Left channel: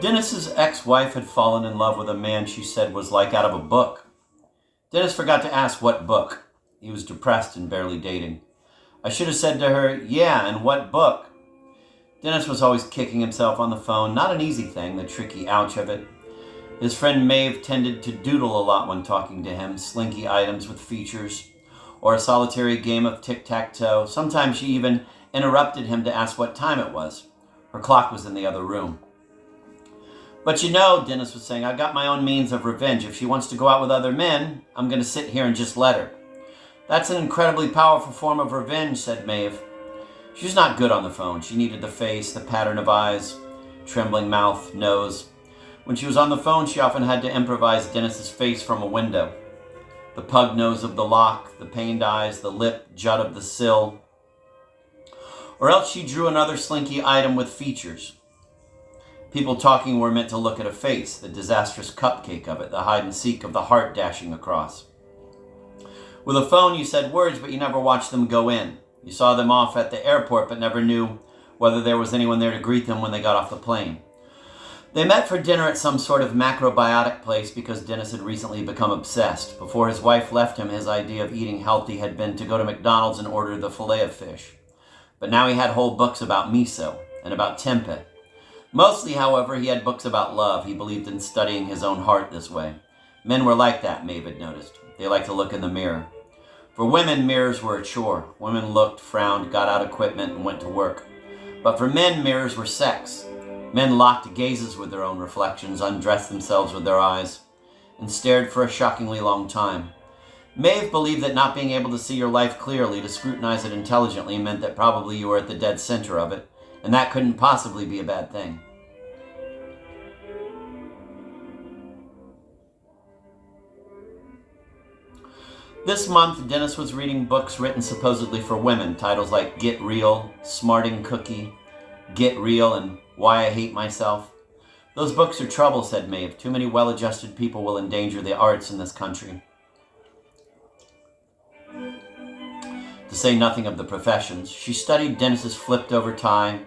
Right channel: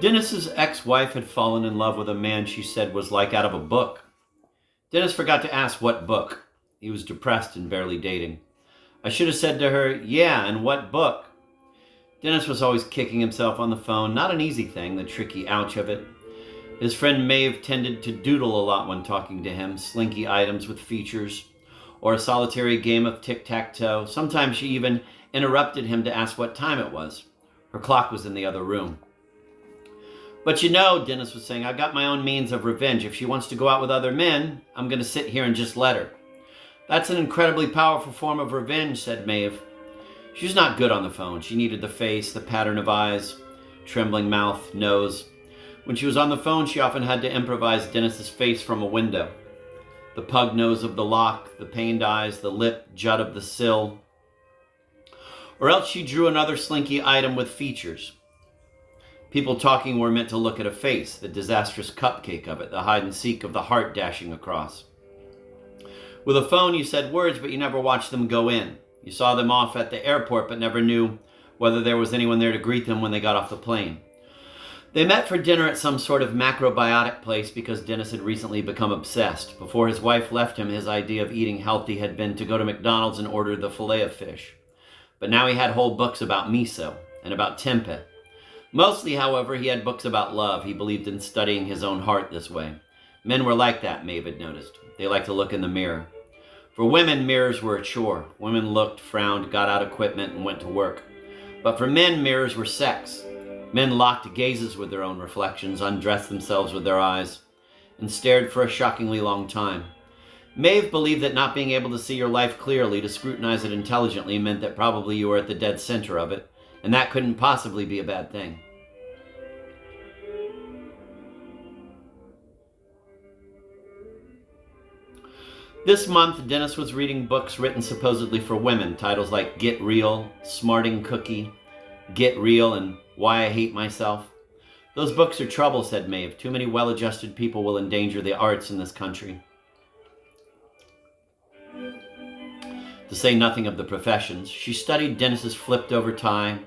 Dennis's ex-wife had fallen in love with a man she said was like out of a book. Dennis forgot to ask what book. He was depressed and barely dating. I should have said to her, yeah, and what book? Dennis was always kicking himself on the phone. Not an easy thing, the tricky ouch of it. His friend Maeve tended to doodle a lot when talking to him, slinky items with features, or a solitary game of tic-tac-toe. Sometimes she even interrupted him to ask what time it was. Her clock was in the other room. But you know, Dennis was saying, I've got my own means of revenge. If she wants to go out with other men, I'm going to sit here and just let her. That's an incredibly powerful form of revenge, said Maeve. She's not good on the phone. She needed the face, the pattern of eyes, trembling mouth, nose. When she was on the phone, she often had to improvise Dennis's face from a window. The pug nose of the lock, the pained eyes, the lip jut of the sill. Or else she drew another slinky item with features. People talking were meant to look at a face, the disastrous cupcake of it, the hide and seek of the heart dashing across. With a phone, you said words, but you never watched them go in. You saw them off at the airport, but never knew whether there was anyone there to greet them when they got off the plane. They met for dinner at some sort of macrobiotic place because Dennis had recently become obsessed. Before his wife left him, his idea of eating healthy had been to go to McDonald's and order the fillet of fish. But now he had whole books about miso and about tempeh. Mostly, however, he had books about love. He believed in studying his own heart this way. Men were like that, Maeve had noticed. They liked to look in the mirror. For women, mirrors were a chore. Women looked, frowned, got out equipment, and went to work. But for men, mirrors were sex. Men locked gazes with their own reflections, undressed themselves with their eyes, and stared for a shockingly long time. Maeve believed that not being able to see your life clearly, to scrutinize it intelligently, meant that probably you were at the dead center of it, and that couldn't possibly be a bad thing. This month, Dennis was reading books written supposedly for women, titles like Get Real, Smarting Cookie, Get Real, and Why I Hate Myself. Those books are trouble, said Maeve. Too many well-adjusted people will endanger the arts in this country. To say nothing of the professions. She studied Dennis's flipped-over tie,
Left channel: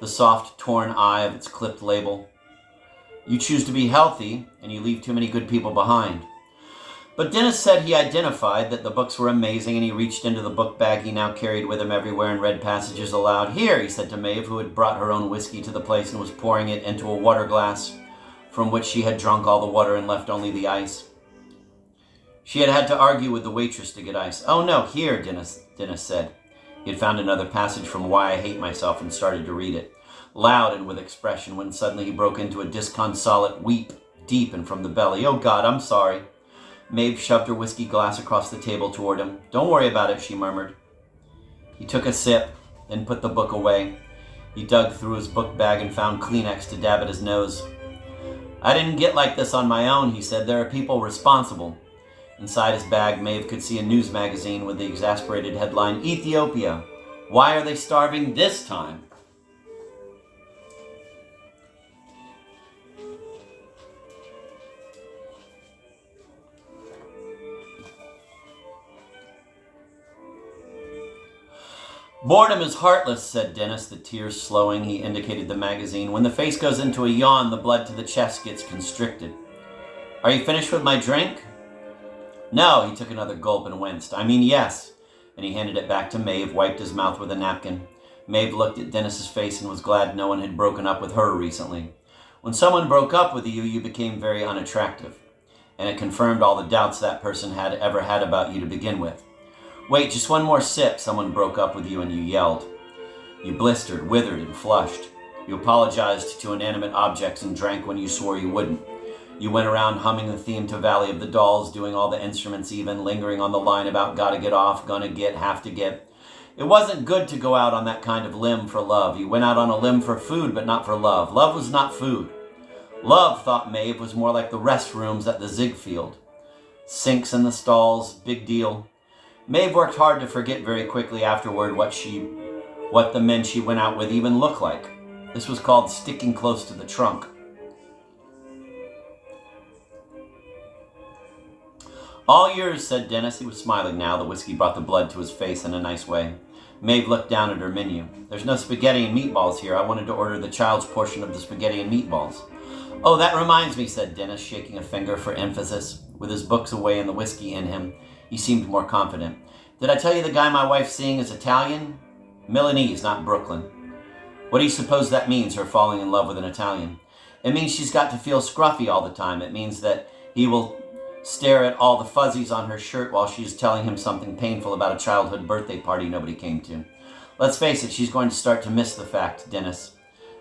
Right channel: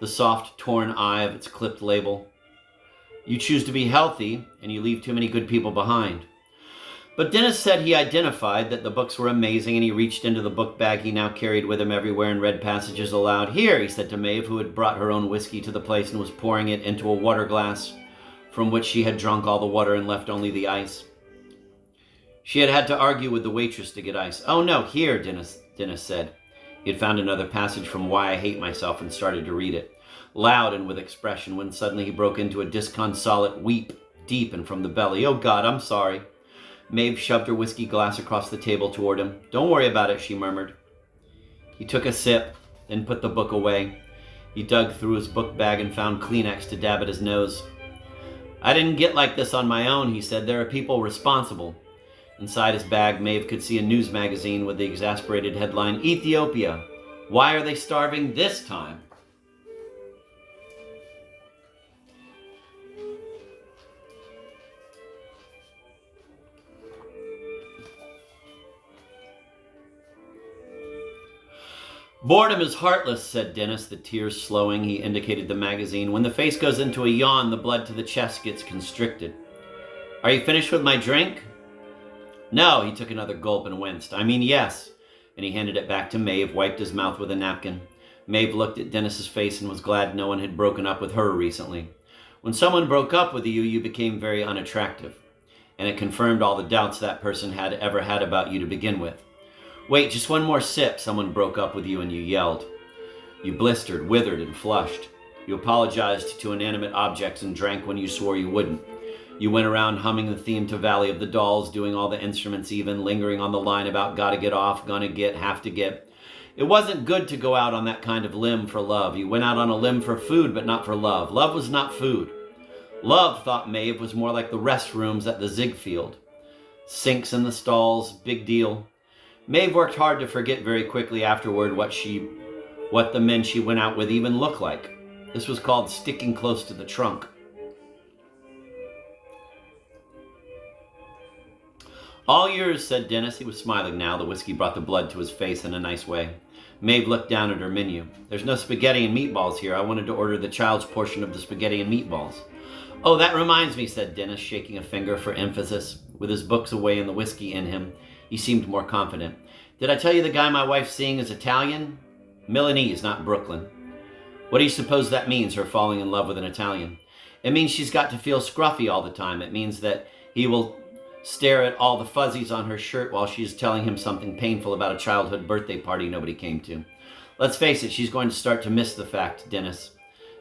the soft, torn eye of its clipped label. You choose to be healthy, and you leave too many good people behind. But Dennis said he identified that the books were amazing, and he reached into the book bag he now carried with him everywhere and read passages aloud. Here, he said to Maeve, who had brought her own whiskey to the place and was pouring it into a water glass from which she had drunk all the water and left only the ice. She had had to argue with the waitress to get ice. Oh no, here, Dennis said. He had found another passage from Why I Hate Myself and started to read it, loud and with expression, when suddenly he broke into a disconsolate weep, deep and from the belly. Oh God, I'm sorry. Maeve shoved her whiskey glass across the table toward him. Don't worry about it, she murmured. He took a sip, then put the book away. He dug through his book bag and found Kleenex to dab at his nose. I didn't get like this on my own, he said. There are people responsible. Inside his bag, Maeve could see a news magazine with the exasperated headline, Ethiopia. Why are they starving this time? Boredom is heartless, said Dennis, the tears slowing. He indicated the magazine. When the face goes into a yawn, the blood to the chest gets constricted. Are you finished with my drink? No, he took another gulp and winced. I mean, yes. And he handed it back to Maeve, wiped his mouth with a napkin. Maeve looked at Dennis's face and was glad no one had broken up with her recently. When someone broke up with you, you became very unattractive. And it confirmed all the doubts that person had ever had about you to begin with. Wait, just one more sip. Someone broke up with you and you yelled. You blistered, withered, and flushed. You apologized to inanimate objects and drank when you swore you wouldn't. You went around humming the theme to Valley of the Dolls, doing all the instruments even, lingering on the line about gotta get off, gonna get, have to get. It wasn't good to go out on that kind of limb for love. You went out on a limb for food, but not for love. Love was not food. Love, thought Maeve, was more like the restrooms at the Ziegfeld. Sinks in the stalls, big deal. Maeve worked hard to forget very quickly afterward what the men she went out with even looked like. This was called sticking close to the trunk. All yours, said Dennis. He was smiling now. The whiskey brought the blood to his face in a nice way. Maeve looked down at her menu. There's no spaghetti and meatballs here. I wanted to order the child's portion of the spaghetti and meatballs. Oh, that reminds me, said Dennis, shaking a finger for emphasis. With his books away and the whiskey in him, he seemed more confident. Did I tell you the guy my wife's seeing is Italian? Milanese, not Brooklyn. What do you suppose that means, her falling in love with an Italian? It means she's got to feel scruffy all the time. It means that he will stare at all the fuzzies on her shirt while she is telling him something painful about a childhood birthday party nobody came to. Let's face it, she's going to start to miss the fact, Dennis,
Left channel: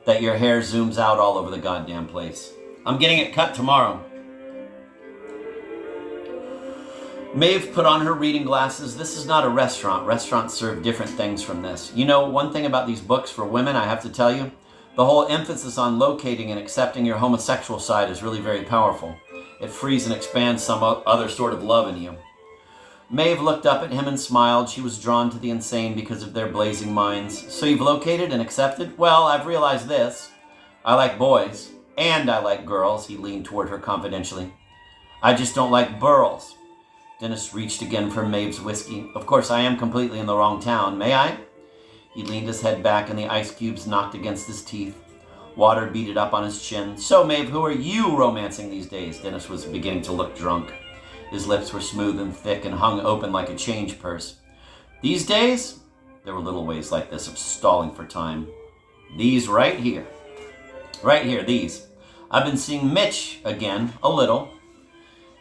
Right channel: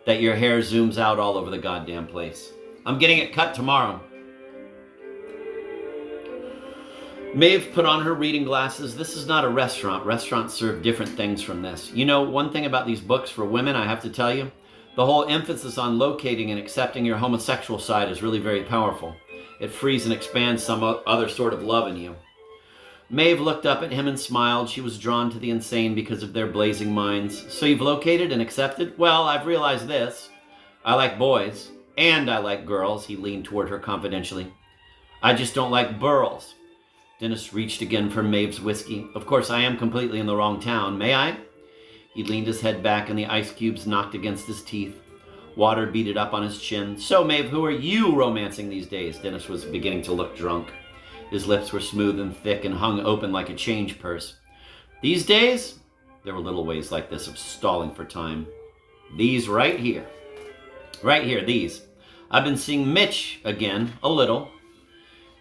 that your hair zooms out all over the goddamn place. I'm getting it cut tomorrow. Maeve put on her reading glasses. This is not a restaurant. Restaurants serve different things from this. You know, one thing about these books for women, I have to tell you, the whole emphasis on locating and accepting your homosexual side is really very powerful. It frees and expands some other sort of love in you. Maeve looked up at him and smiled. She was drawn to the insane because of their blazing minds. So you've located and accepted? Well, I've realized this. I like boys. And I like girls. He leaned toward her confidentially. I just don't like burls. Dennis reached again for Maeve's whiskey. Of course, I am completely in the wrong town. May I? He leaned his head back and the ice cubes knocked against his teeth. Water beaded up on his chin. So, Maeve, who are you romancing these days? Dennis was beginning to look drunk. His lips were smooth and thick and hung open like a change purse. These days, there were little ways like this of stalling for time. These right here. Right here, these. I've been seeing Mitch again, a little.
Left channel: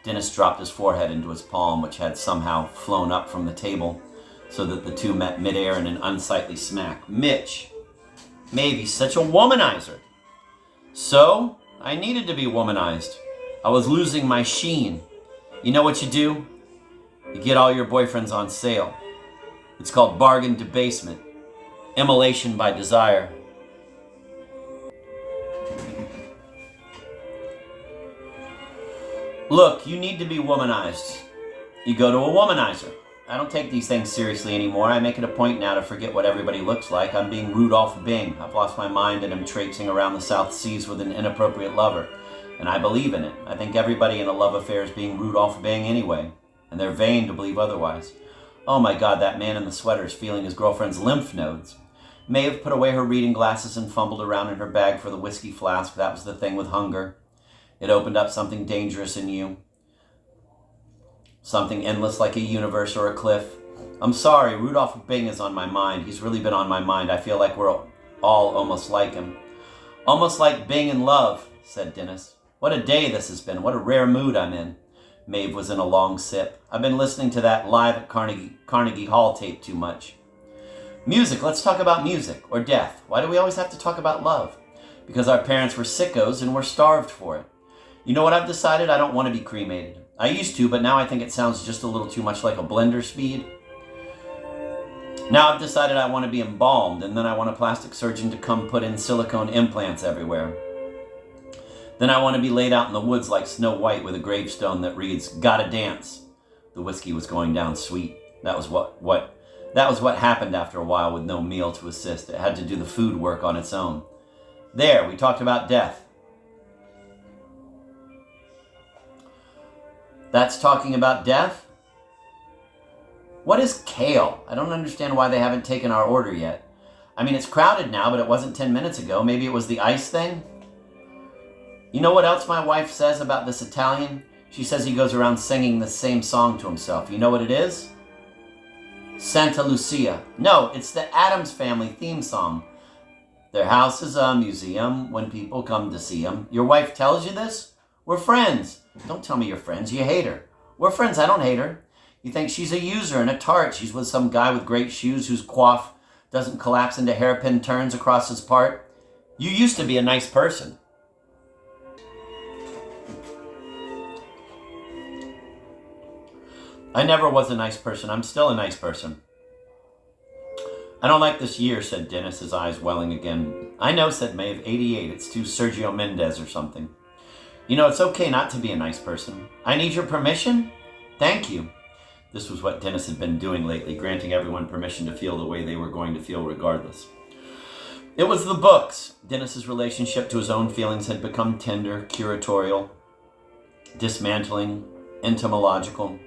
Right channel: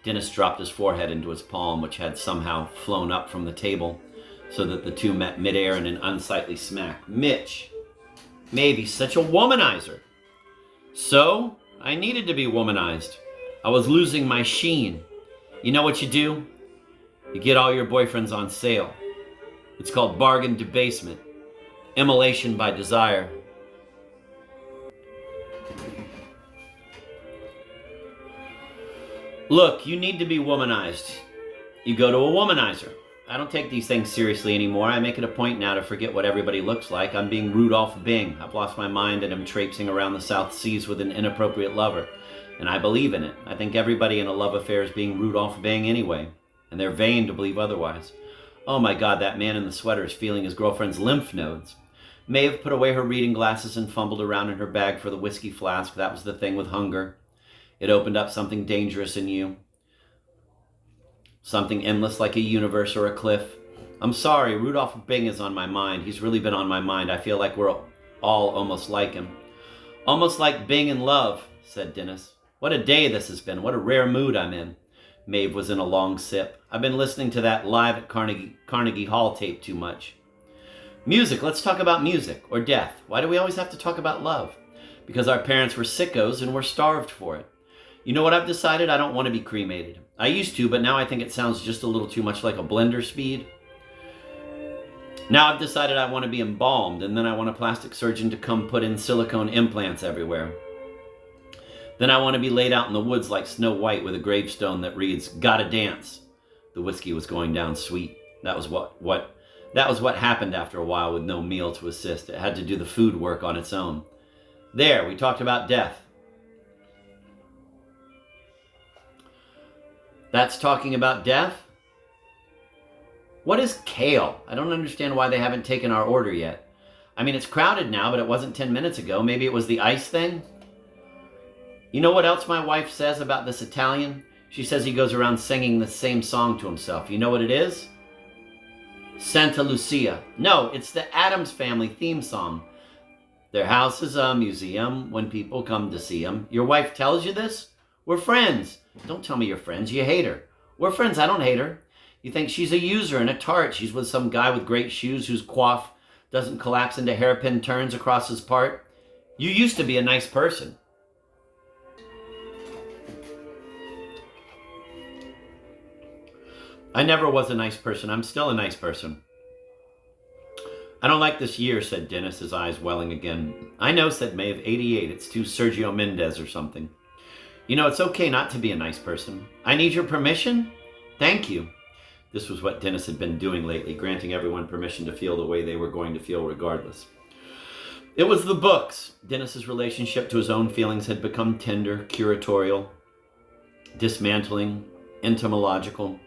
Dennis dropped his forehead into his palm, which had somehow flown up from the table, so that the two met midair in an unsightly smack. Mitch. Maeve, he's such a womanizer. So, I needed to be womanized. I was losing my sheen. You know what you do? You get all your boyfriends on sale. It's called bargain debasement. Immolation by desire. Look, you need to be womanized. You go to a womanizer. I don't take these things seriously anymore. I make it a point now to forget what everybody looks like. I'm being Rudolph Bing. I've lost my mind and am traipsing around the South Seas with an inappropriate lover. And I believe in it. I think everybody in a love affair is being Rudolph Bing anyway. And they're vain to believe otherwise. Oh my God, that man in the sweater is feeling his girlfriend's lymph nodes. Maeve put away her reading glasses and fumbled around in her bag for the whiskey flask. That was the thing with hunger. It opened up something dangerous in you. Something endless like a universe or a cliff. I'm sorry, Rudolph Bing is on my mind. He's really been on my mind. I feel like we're all almost like him. Almost like Bing in love, said Dennis. What a day this has been. What a rare mood I'm in. Maeve was in a long sip. I've been listening to that live at Carnegie Hall tape too much. Music, let's talk about music. Or death. Why do we always have to talk about love? Because our parents were sickos and we're starved for it. You know what I've decided? I don't want to be cremated. I used to, but now I think it sounds just a little too much like a blender speed. Now I've decided I want to be embalmed, and then I want a plastic surgeon to come put in silicone implants everywhere. Then I want to be laid out in the woods like Snow White with a gravestone that reads, "Gotta dance." The whiskey was going down sweet. That was what happened after a while with no meal to assist. It had to do the food work on its own. There, we talked about death. That's talking about death? What is kale? I don't understand why they haven't taken our order yet. I mean, it's crowded now, but it wasn't 10 minutes ago. Maybe it was the ice thing? You know what else my wife says about this Italian? She says he goes around singing the same song to himself. You know what it is? Santa Lucia. No, it's the Addams Family theme song. Their house is a museum when people come to see them. Your wife tells you this? We're friends. Don't tell me you're friends. You hate her. We're friends. I don't hate her. You think she's a user and a tart. She's with some guy with great shoes whose coif doesn't collapse into hairpin turns across his part. You used to be a nice person. I never was a nice person. I'm still a nice person. I don't like this year, said Dennis, his eyes welling again. I know, said Maeve. 88. It's too Sergio Mendez or something. You know, it's okay not to be a nice person. I need your permission? Thank you. This was what Dennis had been doing lately, granting everyone permission to feel the way they were going to feel regardless. It was the books. Dennis's relationship to his own feelings had become tender, curatorial, dismantling, entomological.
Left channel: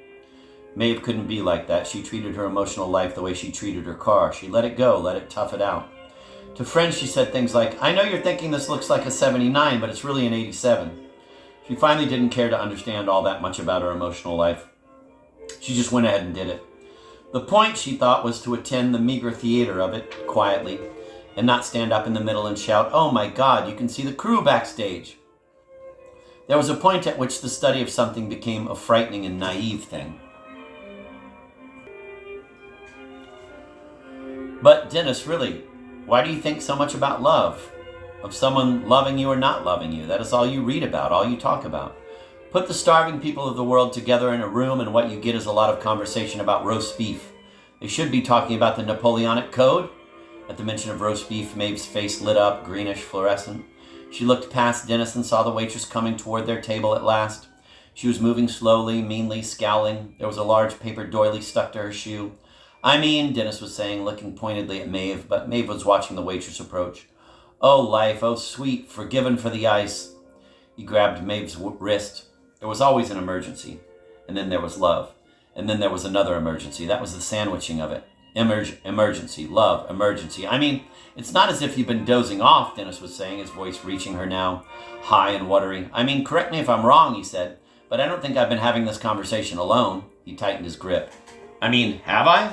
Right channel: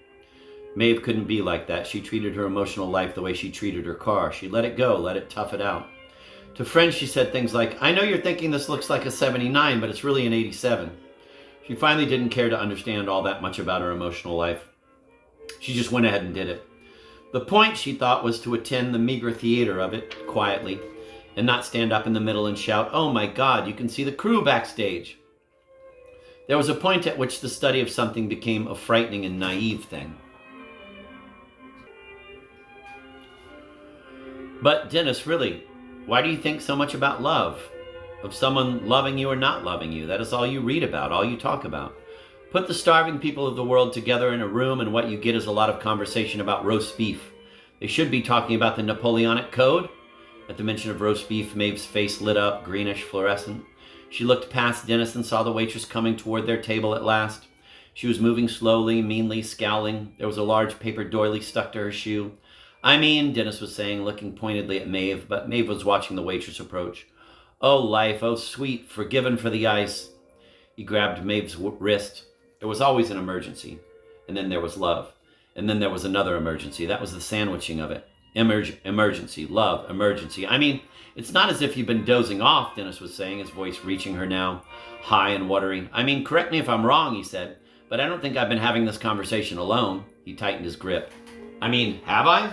Maeve couldn't be like that. She treated her emotional life the way she treated her car. She let it go, let it tough it out. To friends, she said things like, I know you're thinking this looks like a 79, but it's really an 87. She finally didn't care to understand all that much about her emotional life. She just went ahead and did it. The point, she thought, was to attend the meager theater of it quietly and not stand up in the middle and shout, oh my God, you can see the crew backstage. There was a point at which the study of something became a frightening and naive thing. But Dennis, really, why do you think so much about love? Of someone loving you or not loving you? That is all you read about, all you talk about. Put the starving people of the world together in a room and what you get is a lot of conversation about roast beef. They should be talking about the Napoleonic Code. At the mention of roast beef, Maeve's face lit up, greenish, fluorescent. She looked past Dennis and saw the waitress coming toward their table at last. She was moving slowly, meanly, scowling. There was a large paper doily stuck to her shoe. I mean, Dennis was saying, looking pointedly at Maeve, but Maeve was watching the waitress approach. Oh, life, oh, sweet, forgiven for the ice. He grabbed Maeve's wrist. There was always an emergency. And then there was love. And then there was another emergency. That was the sandwiching of it. Emergency, love, emergency. I mean, it's not as if you've been dozing off, Dennis was saying, his voice reaching her now, high and watery. I mean, correct me if I'm wrong, he said, but I don't think I've been having this conversation alone. He tightened his grip. I mean, have I?